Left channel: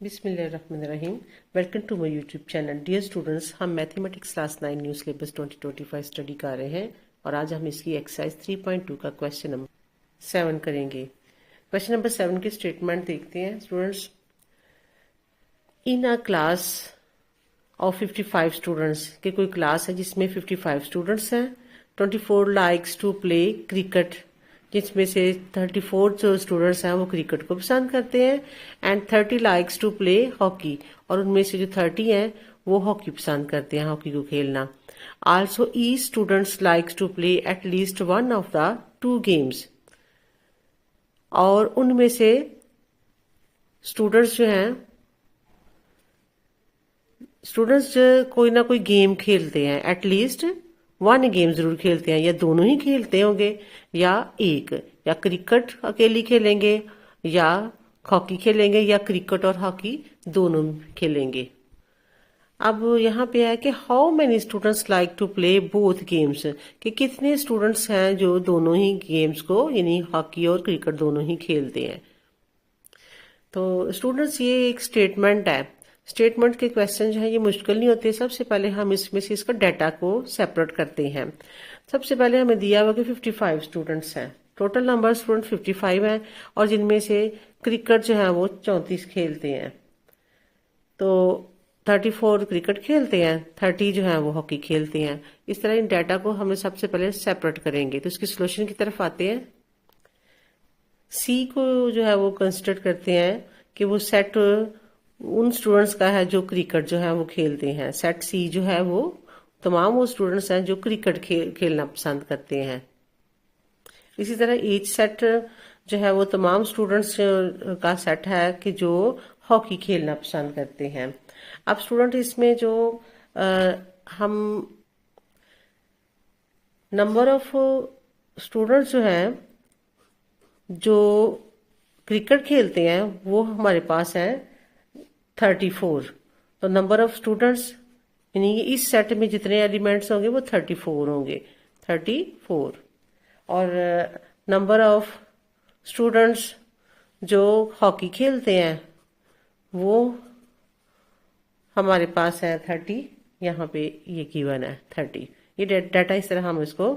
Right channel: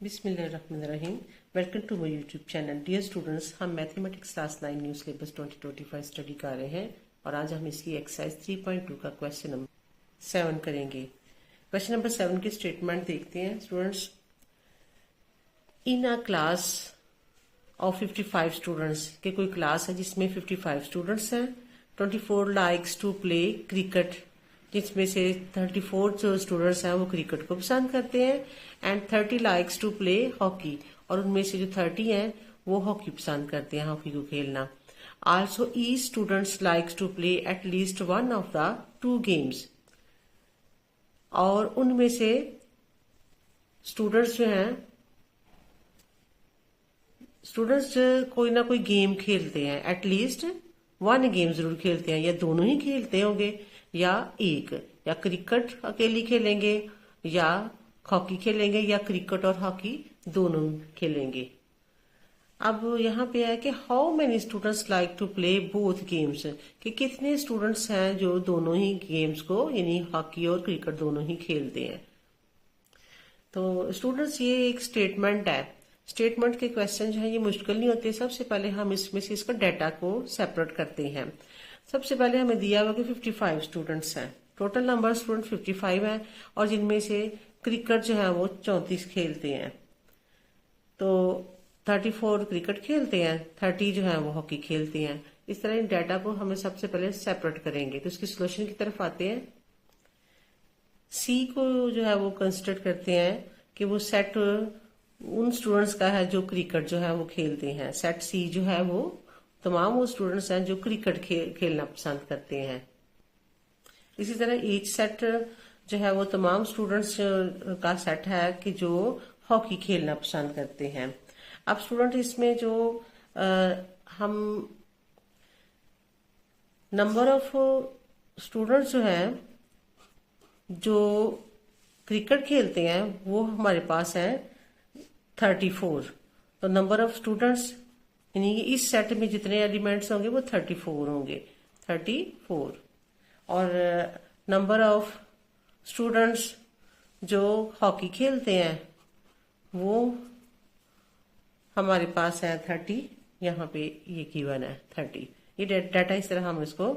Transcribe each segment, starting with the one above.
बिस्मिल्लाहिर्रहमानिर्रहीम। Welcome to my YouTube channel. Dear students, हम mathematics class 9 new syllabus 2025 study कर रहे हैं और आज हम इसकी एक्सरसाइज 3.2 का क्वेश्चन नंबर 7 करेंगे। क्वेश्चन नंबर 7 की स्टेटमेंट देखते हैं students. In a class of 55 students, के कोई क्लास है जिसमें 55 स्टूडेंट्स हैं। 24 लाइक्स टू प्ले क्रिकेट, जिसमें से 34 जो स्टूडेंट्स हैं वो क्रिकेट को पसंद करते हैं, and 30 likes to play hockey, और उनमें से जो 30 हैं वो हॉकी पसंद करते हैं, हॉकी को खेलना। Also each students likes to play at least one of the two games, और उनमें से स्टूडेंट्स जो हैं स्टूडेंट्स कोई ना कोई गेम खेलते हैं, एटलीस्ट वन गेम जरूर खेलते हैं, या दोनों ही खेलते होंगे या एक, या क्रिकेट अकेली खेलेंगे या हॉकी खेलेंगे, या क्रिकेट और हॉकी दोनों खेलेंगे। अब यहाँ पे है कि how many students like to play both games, कि कितने स्टूडेंट्स हैं जो दोनों ही गेम्स को यानी हॉकी और क्रिकेट दोनों ही खेलते हैं। तो स्टूडेंट्स ये एक स्टेटमेंट है। स्टेटमेंट के क्वेश्चन जो है ये मुश्किल नहीं होते। सबसे पहले हम इसमें से इसका डाटा को सेपरेट करते हैं। सबसे पहले हमें दिया हुआ कि 55 स्टूडेंट्स हैं, टोटल नंबर स्टूडेंट 55 हैं, और जिनमें से क्रिकेट जो है वो 34 खेलते हैं। तो 34 क्रिकेट खेलते हैं, 30 जो है वो हॉकी खेलते हैं। इस तरह इन डाटा को हमें सबसे पहले सेपरेट करेंगे। तो इसकी सोल्यूशन की तरफ आते हैं। सी को जो है वो कंसिडर करते हैं कि वो सेट उन स्टूडेंट्स का है जो क्रिकेट जो है वो खेलते हैं। सेट सी जो है वो तमाम वो स्टूडेंट्स हैं जो क्रिकेट खेलना पसंद करते हैं। इसी तरह एच सेट जो है वो तमाम स्टूडेंट्स का सेट है कि जो हॉकी खेलना पसंद करते हैं। अब स्टूडेंट इसमें जो हम नंबर ऑफ स्टूडेंट्स जो हैं जो क्रिकेट खेलते हैं वो हमारे पास है 34। तो नंबर ऑफ स्टूडेंट्स यानी इस सेट में जितने एलिमेंट्स होंगे वो 34 होंगे, 34। और नंबर ऑफ स्टूडेंट्स जो हॉकी खेलते हैं वो हमारे पास है 30। यहाँ पे ये गिवन है 30। ये डाटा इस तरह हम इसको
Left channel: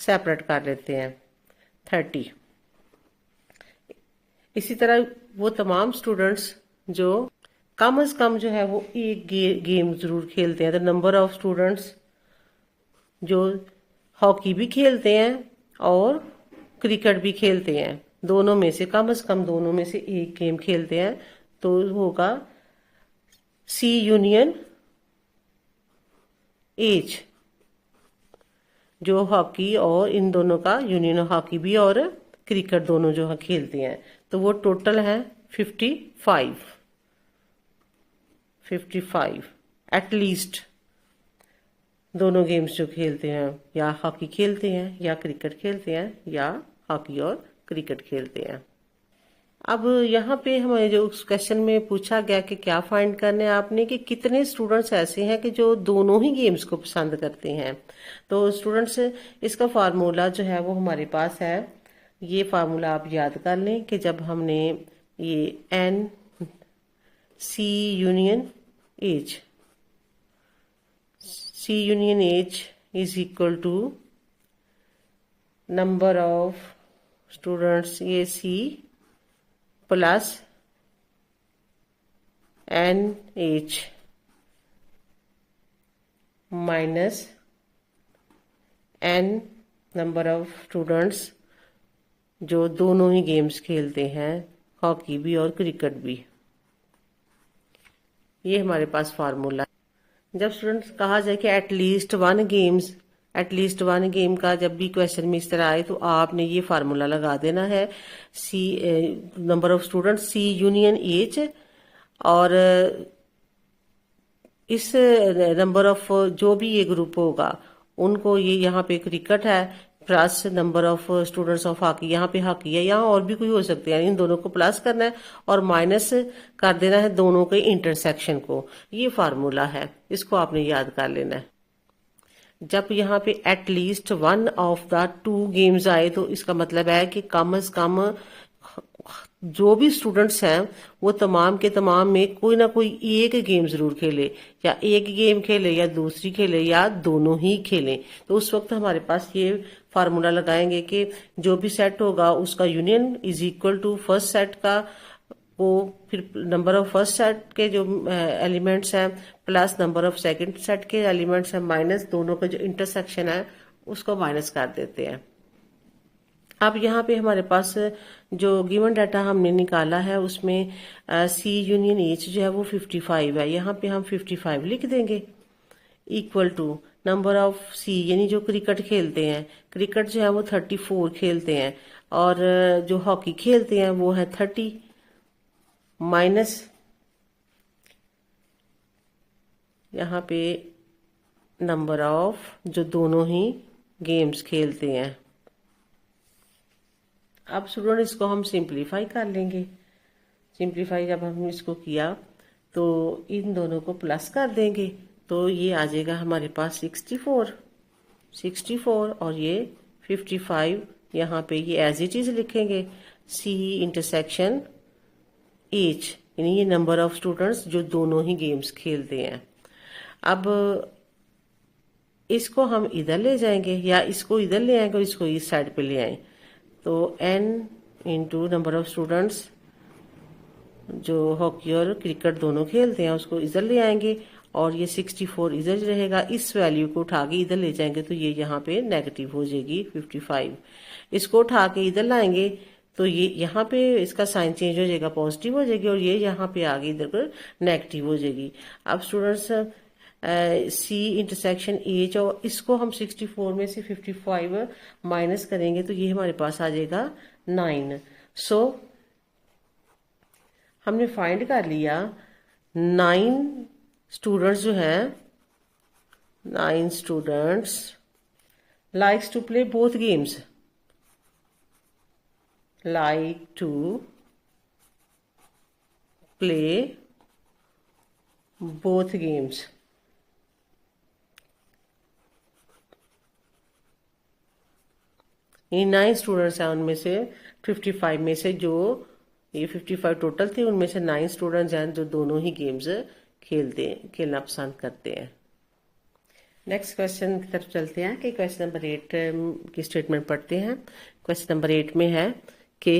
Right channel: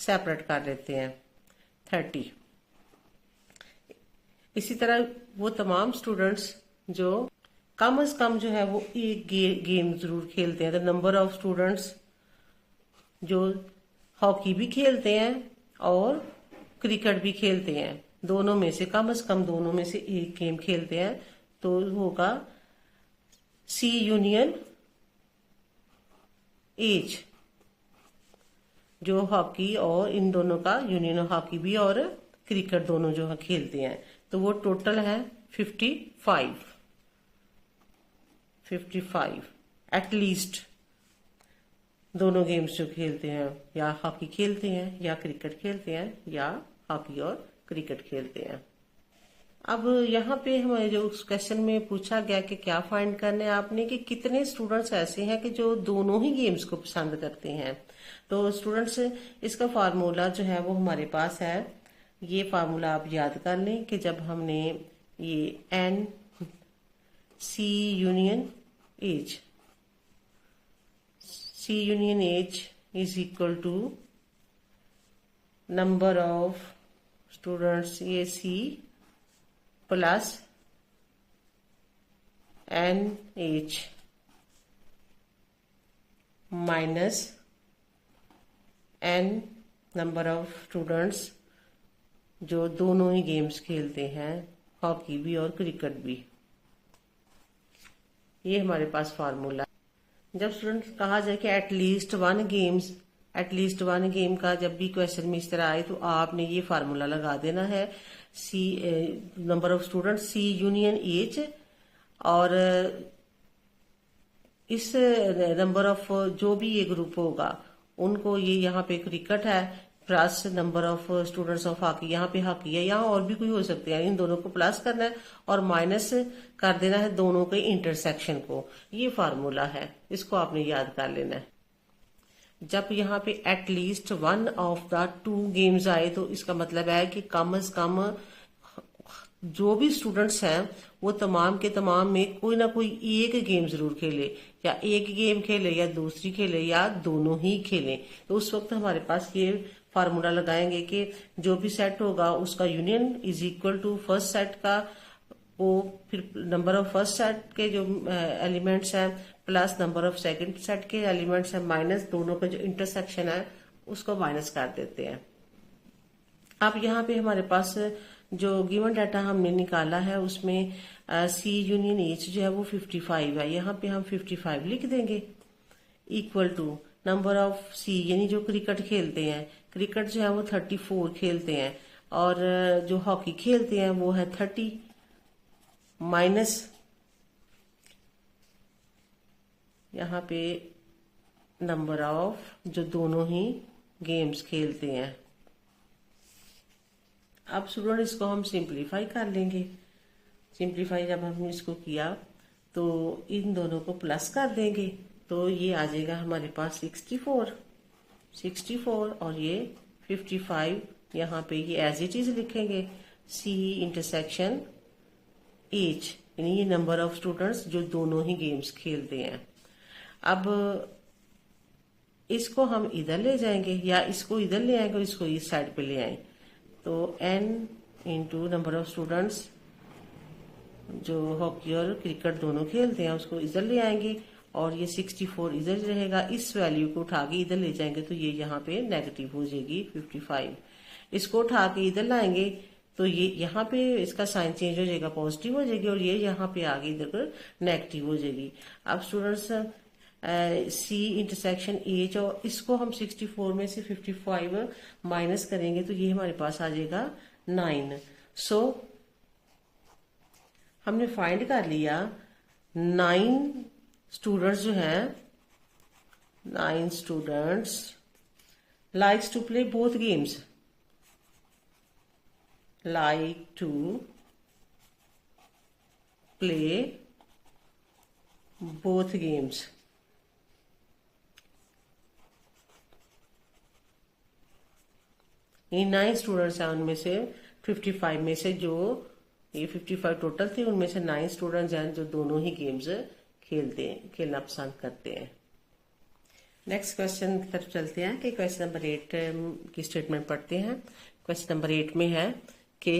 सेपरेट कर लेते हैं 30। इसी तरह वो तमाम स्टूडेंट्स जो कम से कम जो है वो एक गेम जरूर खेलते हैं। तो नंबर ऑफ स्टूडेंट्स जो हॉकी भी खेलते हैं और क्रिकेट भी खेलते हैं, दोनों में से कम दोनों में से एक गेम खेलते हैं, तो होगा सी यूनियन एज, जो हॉकी और इन दोनों का यूनियन, हॉकी भी और क्रिकेट दोनों जो खेलते हैं, तो वो टोटल है 55 एटलीस्ट दोनों गेम्स जो खेलते हैं, या हॉकी खेलते हैं या क्रिकेट खेलते हैं, या हॉकी और क्रिकेट खेलते हैं। अब यहाँ पे हमें जो उस क्वेश्चन में पूछा गया कि क्या फाइंड करना है आपने, कि कितने स्टूडेंट्स ऐसे हैं कि जो दोनों ही गेम्स को पसंद करते हैं। तो स्टूडेंट्स इसका फार्मूला जो है वो हमारे पास है। ये फार्मूला आप याद कर लें कि जब हमने ये N C union H, C union age is equal to number of students ये C plus N age minus N number of students जो दोनों ही गेम्स खेलते हैं, हॉकी भी और क्रिकेट भी। ये हमारे पास फार्मूला। जब स्टूडेंट्स कहा जाए कि एटलीस्ट वन गेम का जब भी क्वेश्चन में इस तरह आए तो आपने ये फार्मूला लगा देना है। C number of student C union H, और इस नंबर ऑफ जो भी ये ग्रुप होगा उनको, ये यहाँ पे क्रिकेट है, plus number of students of hockey, यहाँ पे हॉकी है, यहाँ और भी कोई हो सकते हैं, इन दोनों को प्लस करना है और माइनस कर देना है दोनों के इंटरसेक्शन को। ये फार्मूला है, इसको आपने याद कर लेना है। जब यहाँ पे at least one of the two games आए तो इसका मतलब है कि कम से कम जो भी स्टूडेंट्स हैं वो तमाम के तमाम में कोई ना कोई एक गेम जरूर खेले, या एक गेम खेले या दूसरी खेले या दोनों ही खेलें। तो उस वक्त हमारे पास ये फार्मूला लगाएंगे कि जो भी सेट होगा उसका union is equal to first set का, वो फिर नंबर ऑफ फर्स्ट सेट के जो एलिमेंट्स हैं plus number of second set के एलिमेंट्स हैं माइनस दोनों का जो इंटरसेक्शन है उसको माइनस कर देते हैं। अब यहाँ पे हमारे पास जो गिवन डाटा हमने निकाला है उसमें सी यूनियन एच जो है वो 55 है। यहाँ पे हम 55 लिख देंगे इक्वल टू नंबर ऑफ सी, यानी जो क्रिकेट खेलते हैं, क्रिकेट जो है वो 34 खेलते हैं, और जो हॉकी खेलते हैं वो है 30 माइनस यहाँ पे नंबर ऑफ जो दोनों ही गेम्स खेलते हैं। अब स्टूडेंट इसको हम सिंप्लीफाई कर लेंगे। सिंप्लीफाई जब हमने इसको किया तो इन दोनों को प्लस कर देंगे तो ये आ जाएगा हमारे पास 64 और ये 55। यहाँ पे ये एज इट इज लिखेंगे सी इंटरसेक्शन एच, यानी ये नंबर ऑफ स्टूडेंट्स जो दोनों ही गेम्स खेलते हैं। अब इसको हम इधर ले जाएंगे या इसको इधर ले आएंगे और इसको इस साइड पे ले आए तो n into number of students जो हॉकी और क्रिकेट दोनों खेलते हैं उसको इधर ले आएंगे और ये 64 इधर रहेगा। इस वैल्यू को उठा के इधर ले जाएंगे तो ये यहाँ पे नेगेटिव हो जाएगी 55। इसको उठा के इधर लाएंगे तो ये यहाँ पे इसका साइन चेंज हो जाएगा, पॉजिटिव हो जाएगी, और ये यहाँ पे आगे इधर नेगेटिव हो जाएगी। अब स्टूडेंट्स सी इंटरसेक्शन एच, और इसको हम 64 में से 55 माइनस करेंगे तो ये हमारे पास आ जाएगा 9। सो हमने फाइंड कर लिया 9 स्टूडेंट्स जो हैं, 9 students likes to play both games, like to play both games। ये 9 स्टूडेंट्स हैं, उनमें से 55 में से जो ये 55 टोटल थे उनमें से 9 स्टूडेंट्स हैं जो दोनों ही गेम्स खेलना पसंद करते हैं। नेक्स्ट क्वेश्चन की तरफ चलते हैं कि क्वेश्चन नंबर 8 की स्टेटमेंट पढ़ते हैं। क्वेश्चन नंबर 8 में है कि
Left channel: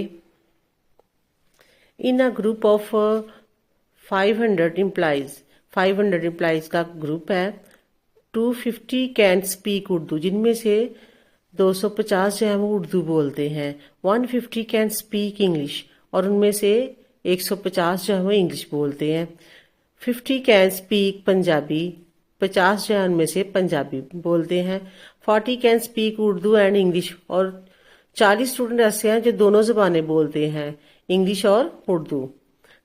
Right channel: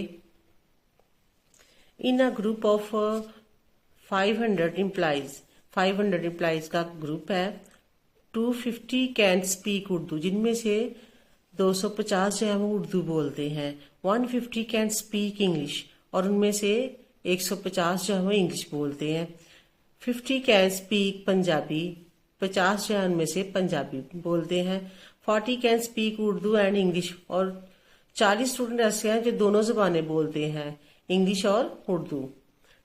इन अ ग्रुप ऑफ 500 एम्प्लॉइज का ग्रुप है, 250 कैन स्पीक उर्दू, जिनमें से 250 जो है वो उर्दू बोलते हैं, 150 कैन स्पीक इंग्लिश, और उनमें से 150 जो है वो इंग्लिश बोलते हैं, 50 कैन स्पीक पंजाबी, 50 जो है उनमें से पंजाबी बोलते हैं, 40 can speak Urdu and English, और 40 स्टूडेंट ऐसे हैं जो दोनों जुबानें बोलते हैं, इंग्लिश और Urdu,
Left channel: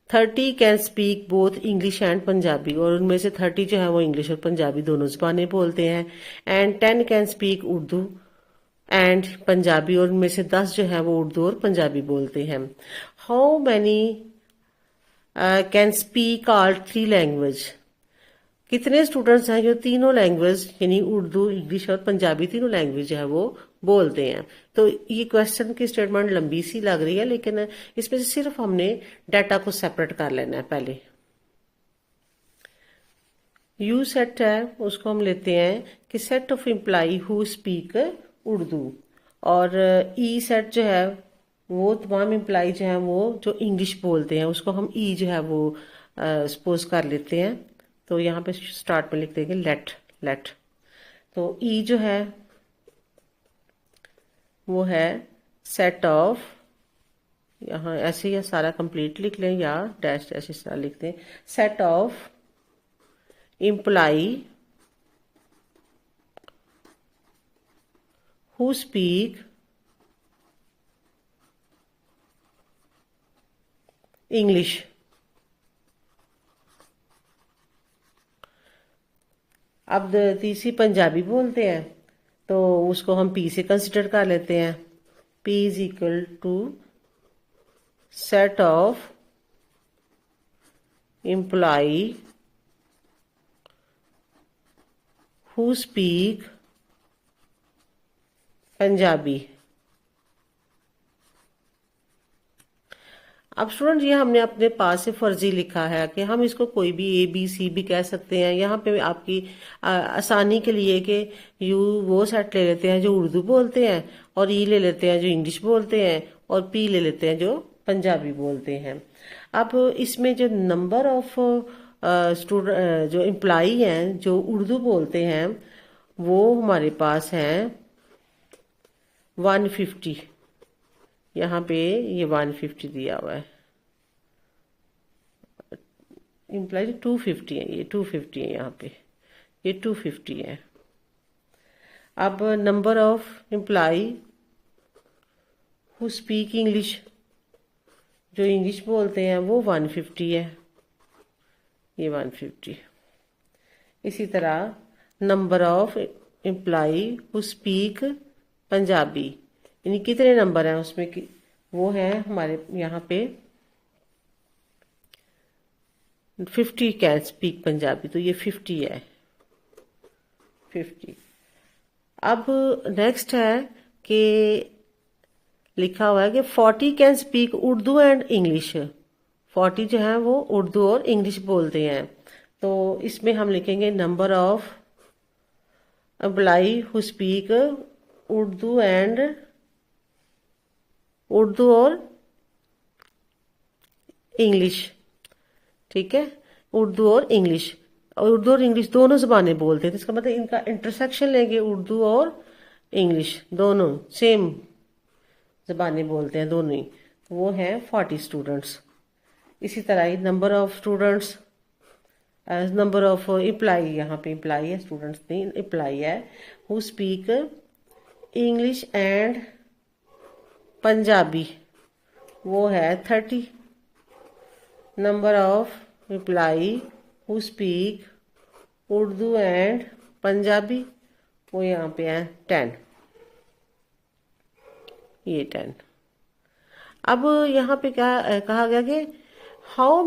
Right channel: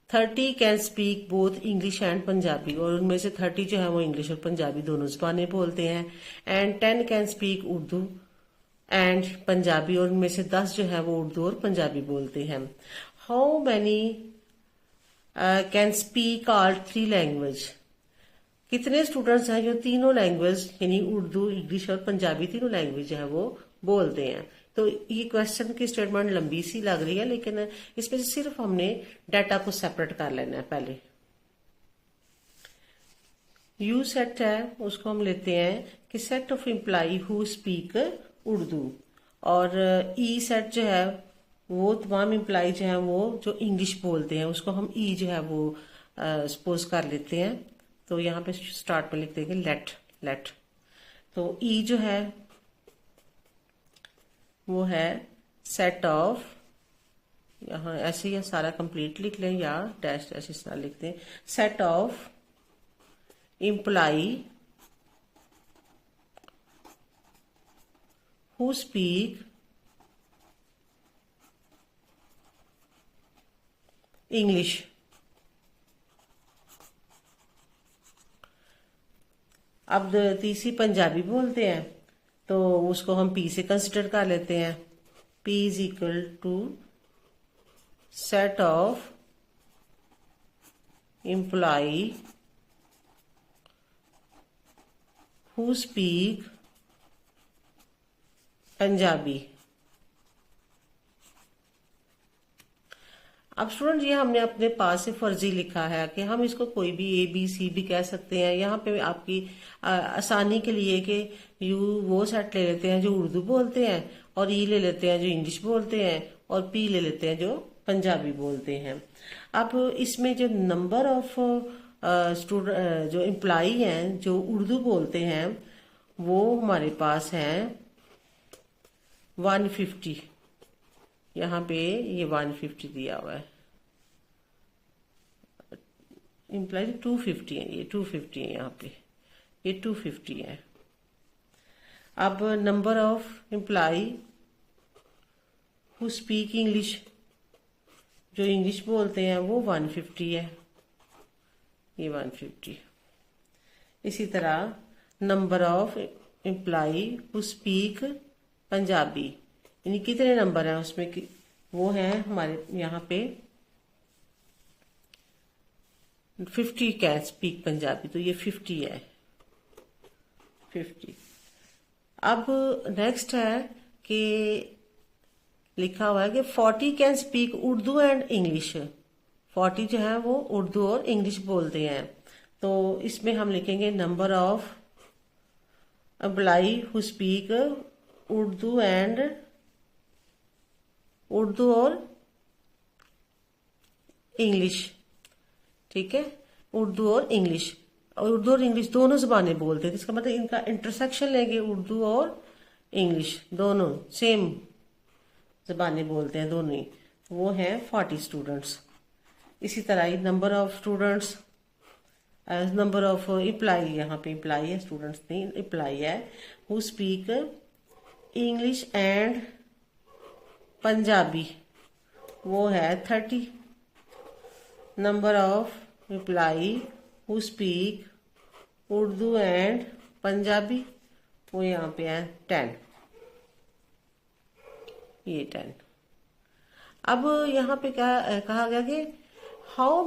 30 can speak both English and Punjabi, और उनमें से 30 जो है वो इंग्लिश और पंजाबी दोनों जुबानें बोलते हैं, and 10 can speak Urdu and Punjabi, और उनमें से 10 जो है वो उर्दू और पंजाबी बोलते हैं। How many can speak all 3 language, कितने स्टूडेंट्स हैं जो तीनों लैंग्वेज यानी उर्दू, इंग्लिश और पंजाबी तीनों लैंग्वेज जो है वो बोलते हैं। तो ये क्वेश्चन की स्टेटमेंट लंबी सी लग रही है, लेकिन इसमें से सिर्फ हमने डाटा को सेपरेट कर लेना है। पहले यू सेट है उसको हम लेते हैं कि set of employee who speak Urdu, और ई सेट जो है वो तमाम एम्प्लॉय जो है वो जो इंग्लिश बोलते हैं उसको हम ई जो है वो सपोज कर लेते हैं। तो यहाँ पे स्टार्ट में लिख देंगे लेट। तो ई जो है वो है सेट ऑफ, यहाँ ऐसे ही सारा कंप्लीट लिख लें या डैश ऐसे सारा लिखते हैं, set of employee who speak English. अब तीसरी पंजाबी बोलते हैं तो उसको हम पी से कंसिडर कर लेते हैं। P is equal to set of employee who speak Punjabi. अब स्टूडेंट ये हमने अपने पास से फर्जी लिखा है कि हम इसको कोई भी ए बी सी भी कह सकते हैं। यहाँ पे आपकी आसानी के लिए कि यू वो सेट ले लेते हैं जो उर्दू बोलते हैं, और ई ले लेते हैं जो इंग्लिश बोलते हैं, और पी ले लेते हैं जो पंजाबी बोलते हैं। अब इसमें जो नंबर ऑफ स्टूडेंट जो एम्प्लॉई हैं जो उर्दू बोलते हैं वो हमारे पास हैं 150। यहाँ पे ये 150 दिया हुआ है, इम्प्लाई 250 है, ये 250 है, यहाँ पे ये 250 है। अब number of employee who speak English, जो इंग्लिश बोलते हैं वो 150 है, ये 150। इसी तरह number of employee who speak Punjabi, यानी कितने नंबर हैं उसमें कि वो है हमारे यहाँ पे 50 कैन स्पीक पंजाबी, तो ये 50 है, 50। अब नेक्स्ट है कि लिखा हुआ है कि 40 can speak Urdu and English. 40 जो है वो उर्दू और इंग्लिश बोलते हैं, तो इसमें हम लिखेंगे number of employee who speak Urdu and Urdu और इंग्लिश। ठीक है, उर्दू और इंग्लिश, और उर्दू और इंग्लिश दोनों जबानें बोलते हैं, तो इसका मतलब इनका इंटरसेक्शन लेंगे, उर्दू और इंग्लिश दोनों सेम जबानें बोलते हैं दोनों ही, वो है 40 स्टूडेंट्स। इसी तरह ही number of students number of employee, यहाँ पे एम्प्लॉई है, स्टूडेंट्स नहीं, एम्प्लॉई है, who speak English and Punjabi, वो है 30। Number of employee who speak Urdu and Punjabi, वो यहाँ पे है 10, ये 10। अब यहाँ पे क्या कहा गया कि how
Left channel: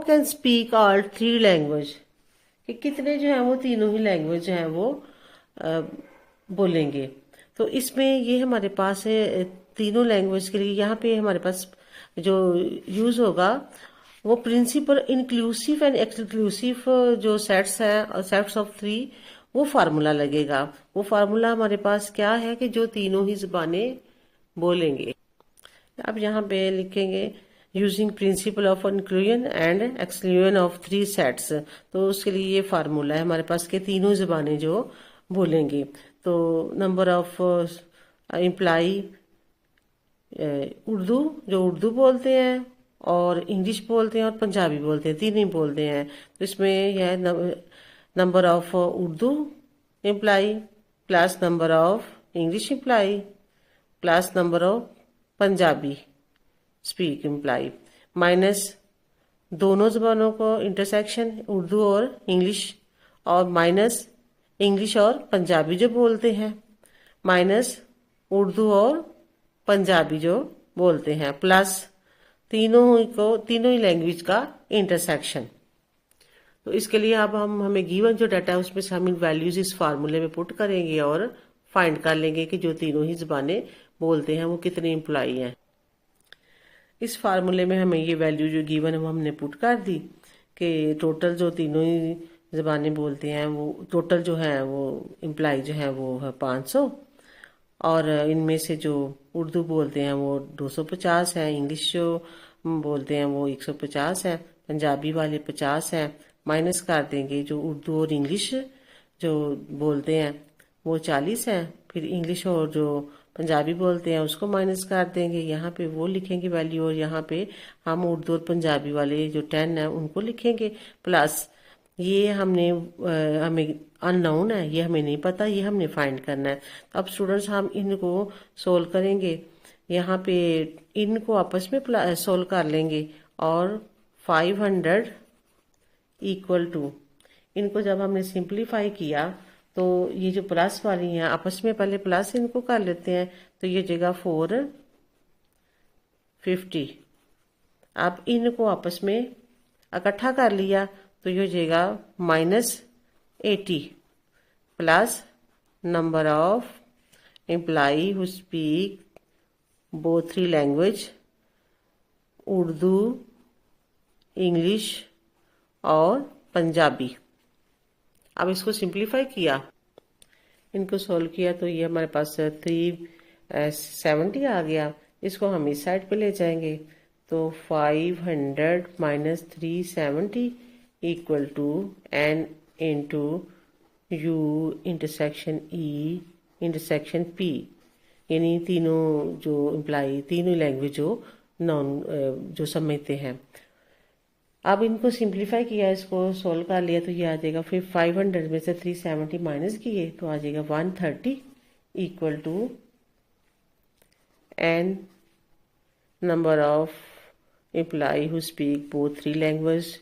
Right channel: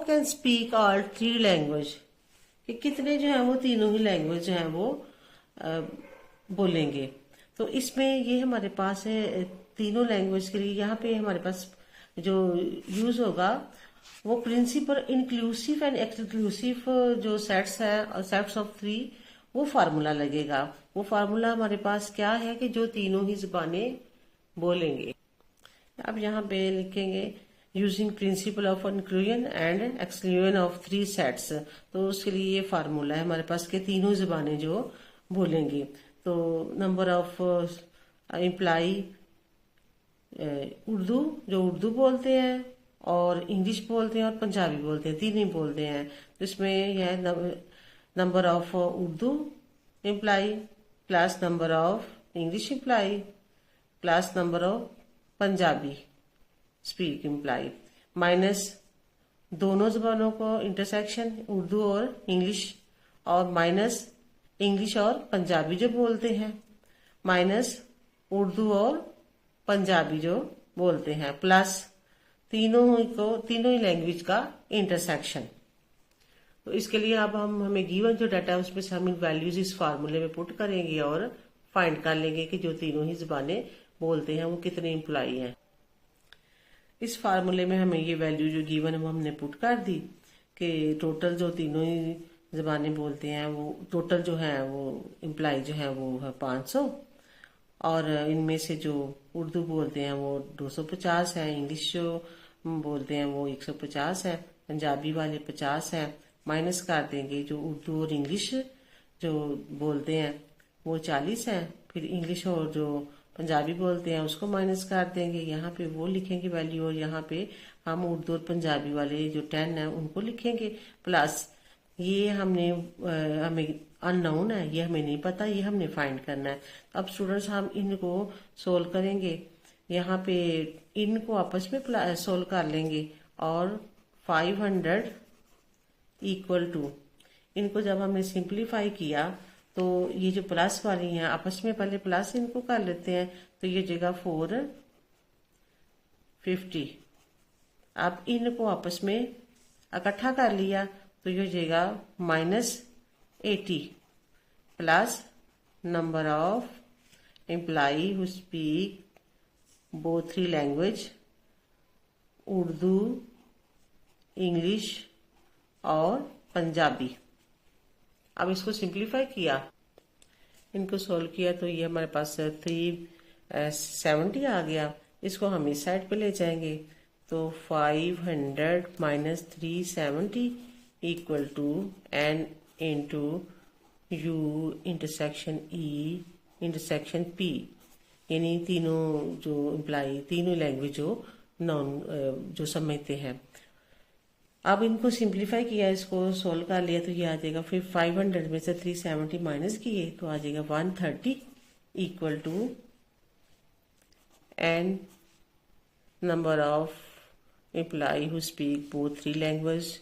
can speak all 3 language, कि कितने जो है वो तीनों ही लैंग्वेज जो है वो बोलेंगे। तो इसमें ये हमारे पास है तीनों लैंग्वेज के लिए, यहाँ पे हमारे पास जो यूज होगा वो प्रिंसिपल इंक्लूसिव एंड एक्सक्लूसिव जो सेट्स है और सेट्स ऑफ 3, वो फार्मूला लगेगा। वो फार्मूला हमारे पास क्या है कि जो तीनों ही जुबानें बोलेंगे। अब यहाँ पे लिखेंगे using principle of inclusion and exclusion of 3 sets, तो उसके लिए ये फार्मूला है हमारे पास के तीनों जुबानें जो बोलेंगी। तो नंबर ऑफ एम्प्लॉई उर्दू जो उर्दू बोलते हैं और इंग्लिश बोलते हैं और पंजाबी बोलते हैं, तीन ही बोलते हैं, तो इसमें यह number of Urdu employee plus number of English employee plus number of Punjabi speak employee minus दोनों जबानों को इंटरसेक्शन उर्दू और इंग्लिश, और माइनस इंग्लिश और पंजाबी जो बोलते हैं, माइनस उर्दू और पंजाबी जो बोलते हैं, प्लस तीनों ही लैंग्वेज का इंटरसेक्शन। तो इसके लिए अब हमें गिवन जो डाटा है उसमें से हम इन वैल्यूज इस फार्मूले में पुट करेंगे और फाइंड कर लेंगे कि जो तीनों ही जबानें बोलते हैं वो कितने एम्प्लॉई हैं। इस फार्मूले में हमें ये वैल्यू जो गिवन है वो हमने पुट कर दी कि टोटल जो तीनों ही जबानें बोलते हैं वो टोटल जो है वो एम्प्लॉय जो है वो है 500, और इनमें से जो उर्दू बोलते हैं वो 250 है, इंग्लिश जो बोलते हैं वो 150 है, पंजाबी वाले 50 है, माइनस कर देंगे जो उर्दू और इंग्लिश जो बोलते हैं वो 40 है, फिर इंग्लिश और जो पंजाबी बोलते हैं उसको माइनस कर देंगे, यहाँ पे वो लिखेंगे वैल्यू, और यहाँ पे हम उर्दू और पंजाबी वाले जो 10 है उनको लिखेंगे, प्लस ये हमें अननोन है, ये हमें नहीं पता, ये हमने फाइंड करना है। अब स्टूडेंट्स हम इनको सोल्व करेंगे, यहाँ पे इनको आपस में सोल्व कर लेंगे, और 500 इक्वल टू, इनको जब हमने सिंप्लीफाई किया तो ये जो प्लस वाली हैं आपस में पहले प्लस इनको कर लेते हैं, तो ये जगह 450। अब इनको आपस में इकट्ठा कर लिया तो ये जगह -80 plus number of employee who speak both 3 language Urdu, English और पंजाबी। अब इसको सिंप्लीफाई किया, इनको सॉल्व किया तो ये हमारे पास 370 आ गया। इसको हम इस साइड पे ले जाएंगे तो 500 minus 370 equal to n into u intersection e intersection p, यानी तीनों जो इम्प्लाई, तीनों लैंग्वेज जो समझते हैं। अब इनको सिंप्लीफाई किया, इसको सोल्व कर लिया तो ये आ जाएगा, फिर 500 में से 370 माइनस किए तो आ जाएगा 130 equal to n number of employee who speak both 3 language,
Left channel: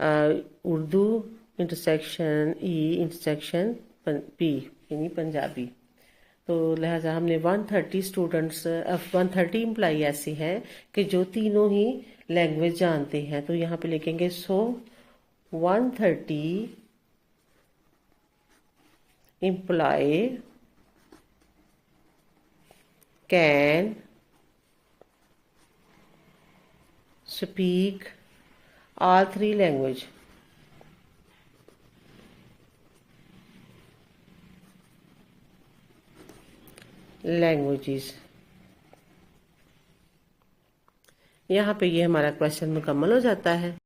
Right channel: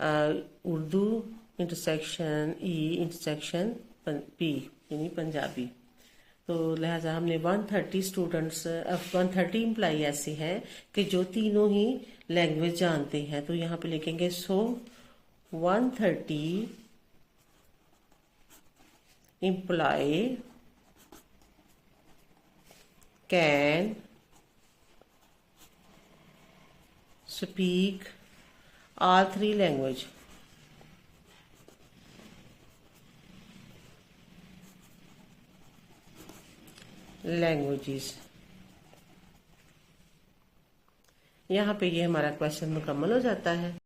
Urdu intersection E intersection P यानी पंजाबी। तो लिहाजा हमने 130 स्टूडेंट्स, 130 एम्प्लॉय ऐसे हैं कि जो तीनों ही लैंग्वेज जानते हैं। तो यहाँ पे लिखेंगे 130 employee can speak all 3 languages. यहाँ पे ये हमारा क्वेश्चन मुकम्मल हो जाता है।